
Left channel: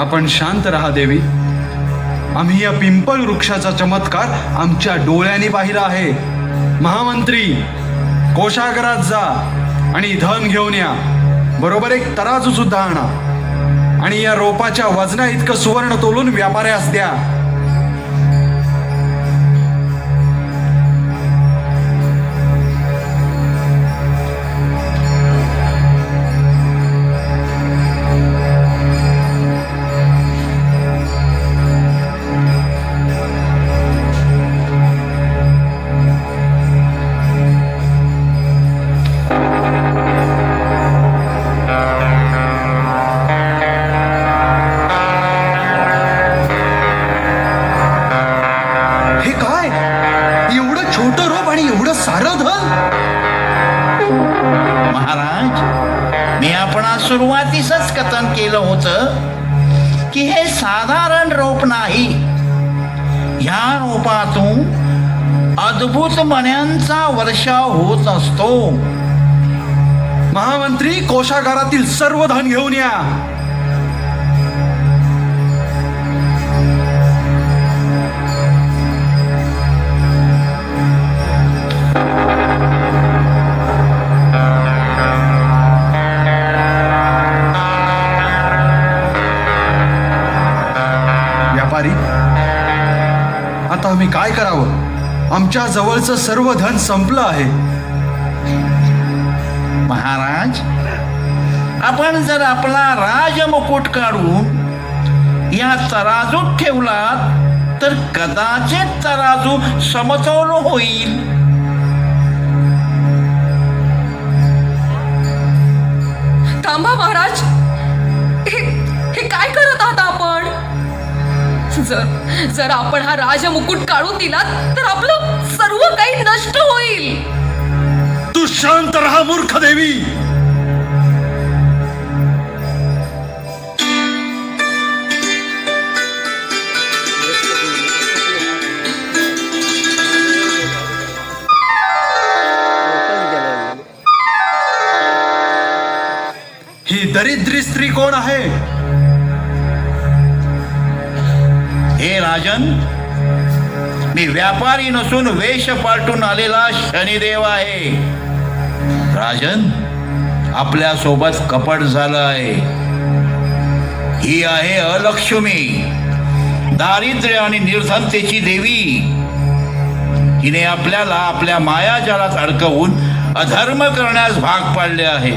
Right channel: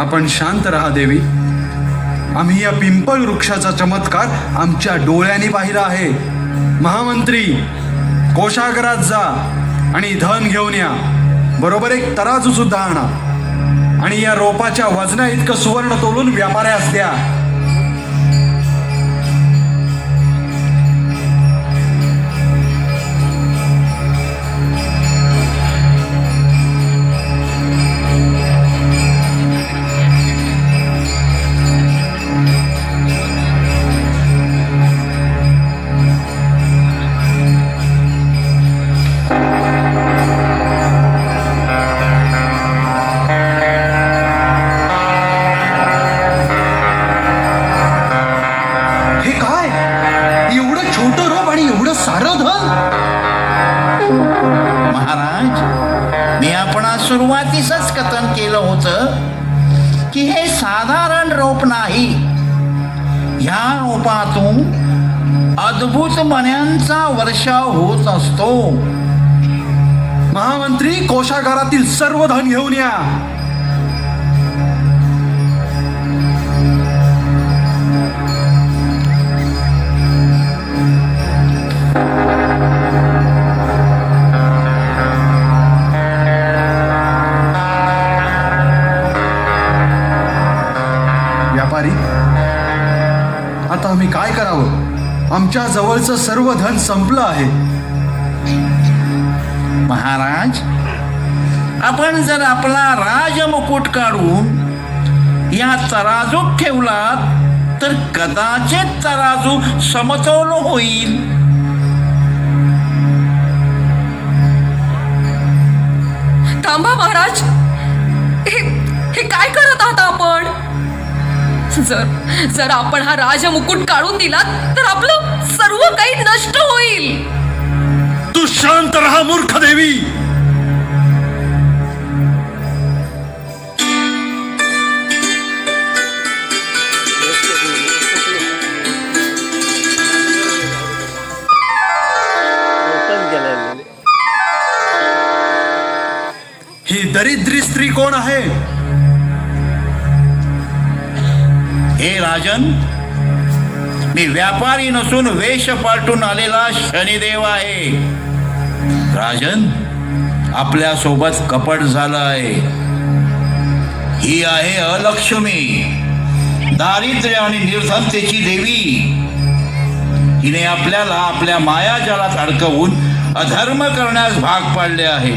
आपण शांत राहा देवी. आम्ही या पिंपळ वृक्षाचा चमत्कार आमच्या डोळ्यांनी पाहिला आहे. महामंत्री, कोषागारात जा आणि धन घेऊन या. बरोबर एक तराजू सुद्धा आणा आणि या रोपाच्या वजना इतकं सुवर्ण तोलून व्यापाऱ्यास द्या. महाराज, मी आपणास सुरुवातीसच कथन केलं होतं की हे साधारण रोप नाही. ह्या रोपातून अद्भुत मण्यांचा वर्षाव होत असतो. महामंत्री, कोशागारातील सर्व धन घेऊन या. व्यापारी, आता आम्ही काय करावं? आमच्या जवळचं सर्व धन संपलं आहे. महाराज, आपण जर आपला राजमुकुट काढून या तराजूत ठेवलात तर कदाचित तराजू समतोल होईल. थांबा महाराज, हे काय करत आहात आपण? जर आपण हा राजमुकुट काढून दिला तर आपलं सर्व काही नष्ट होईल. तू शांत राहा मूर्ख देवी. ही दरिद्री स्त्री कोण आहे? हे राजन, मी व्यापारी नसून वेश पालटून आलेला शनिदेव आहे. राजन, आपल्या सोबत कपट झालं आहे. ही आहे अलक्ष्मी, दारिद्र्य आणि निर्धनतेची देवी. हिने आपल्याला आपल्या मायाजालात अडकवून अधर्म करण्यास भाग पाडले आहे.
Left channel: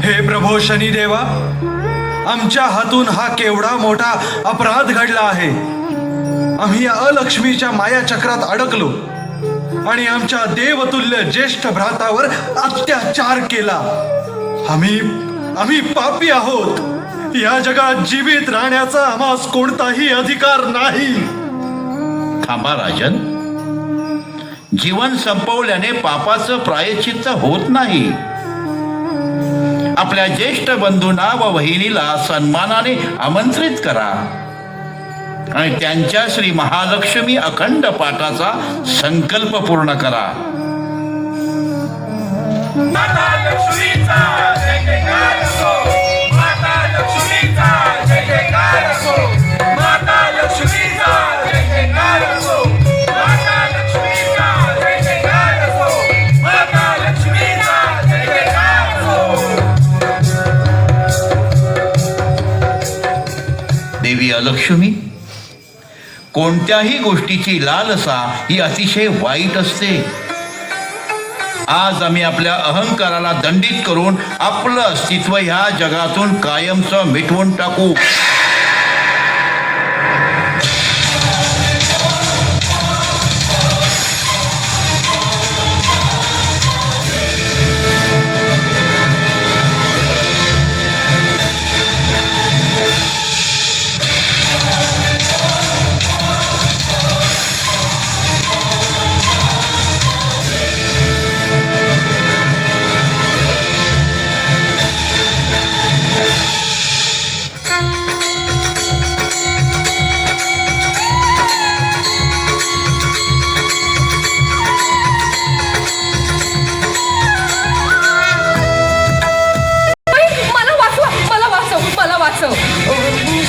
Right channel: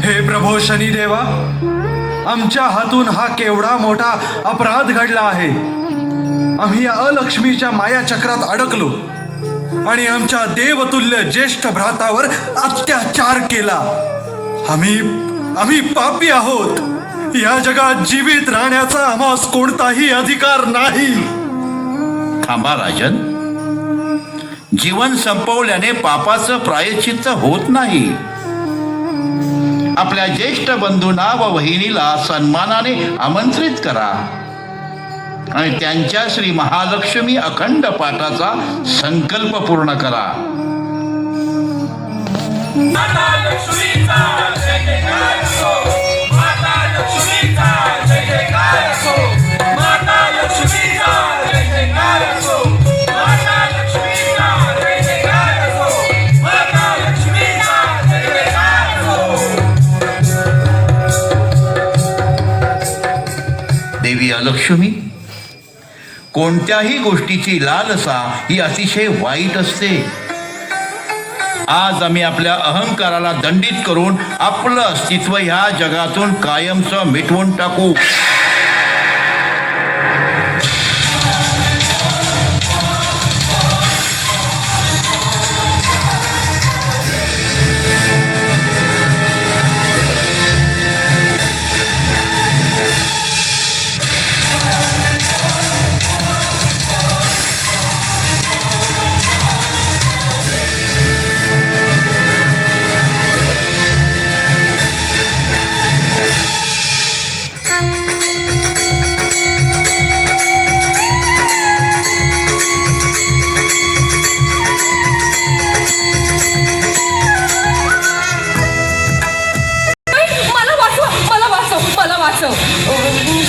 हे प्रभो शनिदेवा, आमच्या हातून हा केवढा मोठा अपराध घडला आहे. आम्ही या अलक्ष्मीच्या मायाचक्रात अडकलो आणि आमच्या देवतुल्य ज्येष्ठ भ्रातावर अत्याचार केला. आम्ही पापी आहोत. या जगात जीवित राहण्याचा आम्हास कोणताही अधिकार नाही. थांबा राजन, जीवन संपवल्याने पापाचं प्रायश्चित्त होत नाही. आपल्या ज्येष्ठ बंधूंना व वहिनीला सन्मानाने आमंत्रित करा आणि त्यांच्या श्री महालक्ष्मी अखंड पाठाचा संकल्प पूर्ण करा. देवी अलक्ष्मी, कोणत्याही गोष्टीची लालसा ही अतिशय वाईट असते. आज आम्ही आपल्या अहंकाराला दंडित करून आपलं अस्तित्व ह्या जगातून कायमचं मिटवून टाकू.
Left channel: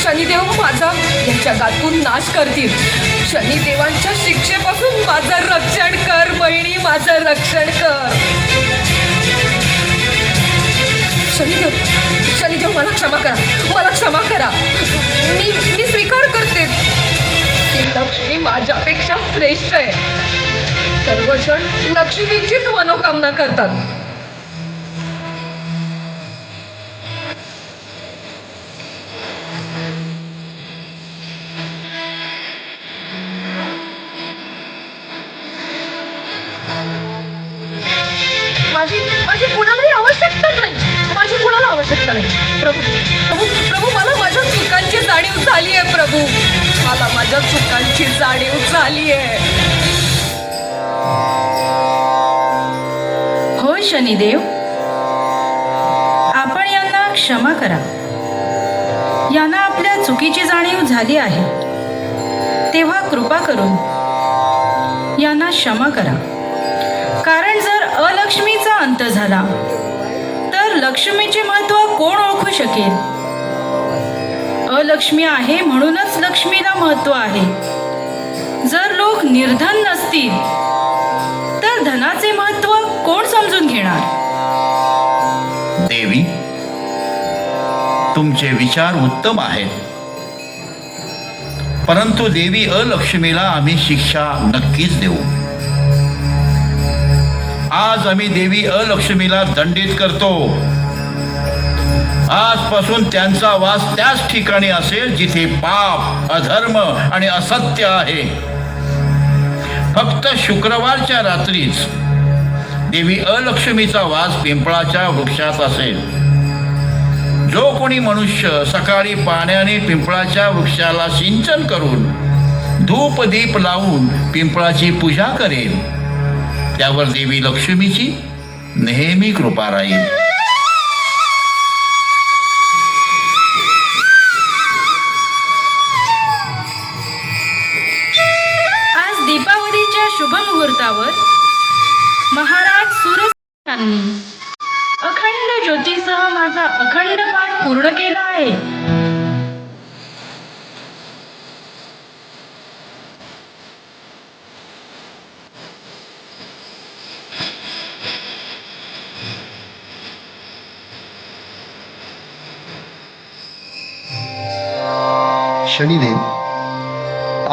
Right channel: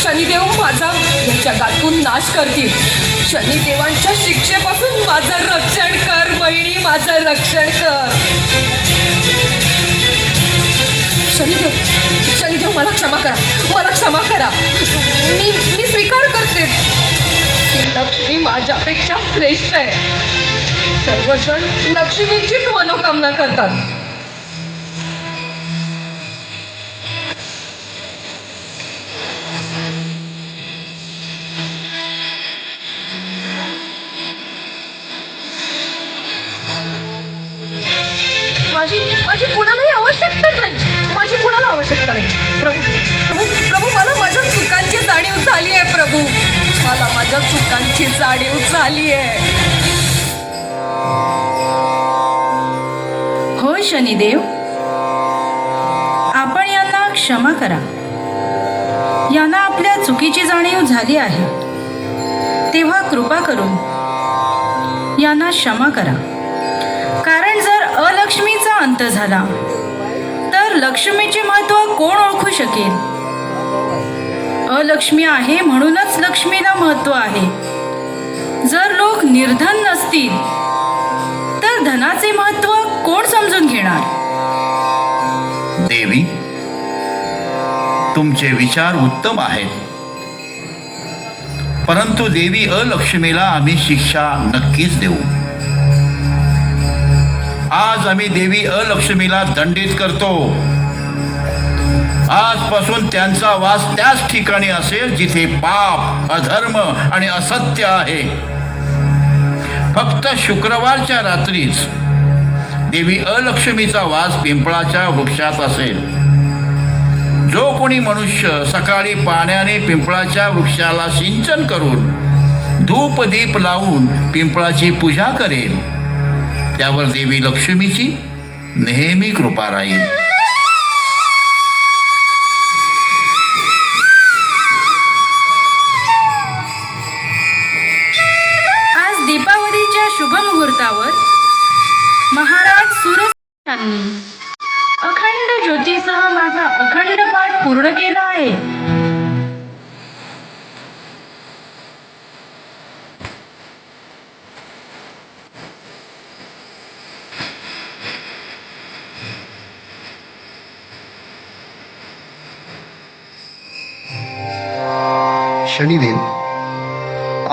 शनिदेव माझा या जगातून नाश करतील. शनिदेवांच्या शिक्षेपासून माझं रक्षण कर बहिणी, माझं रक्षण कर. शनिदेव मला क्षमा करा, मला क्षमा करा. मी स्वीकार करते की लक्ष्मी माझ्यापेक्षा श्रेष्ठ आहे. सर्वजण लक्ष्मीचीच मनोकामना करतात. माझी कुणालाही आवश्यकता नाही. माझी कुणाला आवश्यकता नाही. प्रभू, मला माझ्या चुकांची जाणीव झाली आहे. प्रभू, मला माझ्या चुकांची जाणीव झाली आहे. हो शनिदेव, आपण यांना क्षमा करा. यांना आपल्या चुकीची जाणीव झाली आहे, तेव्हा कृपा करून यांना क्षमा करा. कारण जर अलक्ष्मीचा अंत झाला तर लक्ष्मीचे महत्व कोण ओळखू शकेल? अलक्ष्मी आहे म्हणूनच लक्ष्मीला महत्व आहे. जर लोक निर्धन नसतील तर धनाचे महत्व कोण समजून घेणार? देवी, तुमचे विचार उत्तम आहेत, परंतु देवी अलक्ष्मीला आम्ही शिक्षा नक्कीच देऊ. आज आम्ही देवी अलक्ष्मीला दंडित करतो. आजपासून त्यांचा वास त्याच ठिकाणी असेल जिथे पाप, अधर्म आणि असत्य आहे. फक्त शुक्रवारच्या रात्रीच देवी अलक्ष्मीचा वास पिंपळाच्या वृक्षात असेल. जो कोणी मनुष्य सकाळी पाण्याने पिंपळाच्या वृक्षाला सिंचन करून धूप दीप लावून पिंपळाची पूजा करेल, त्यावर देवी लक्ष्मीची नेहमी कृपा राहील. आज दीपावलीच्या शुभ मुहूर्तावर महाराज सूर्य अखंड ज्योतीसह माझा अखंड पाठ पूर्ण केला आहे. शनिदेव,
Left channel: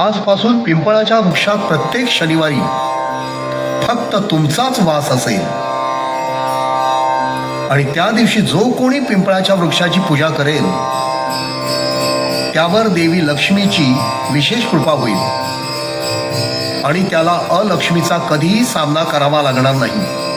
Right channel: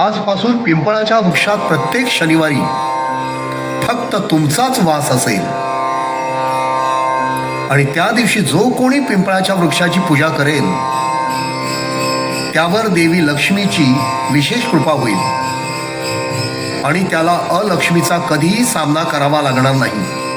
आजपासून पिंपळाच्या वृक्षात प्रत्येक शनिवारी फक्त तुमचाच वास असेल आणि त्या दिवशी जो कोणी पिंपळाच्या वृक्षाची पूजा करेल त्यावर देवी लक्ष्मीची विशेष कृपा होईल आणि त्याला अलक्ष्मीचा कधीही सामना करावा लागणार नाही.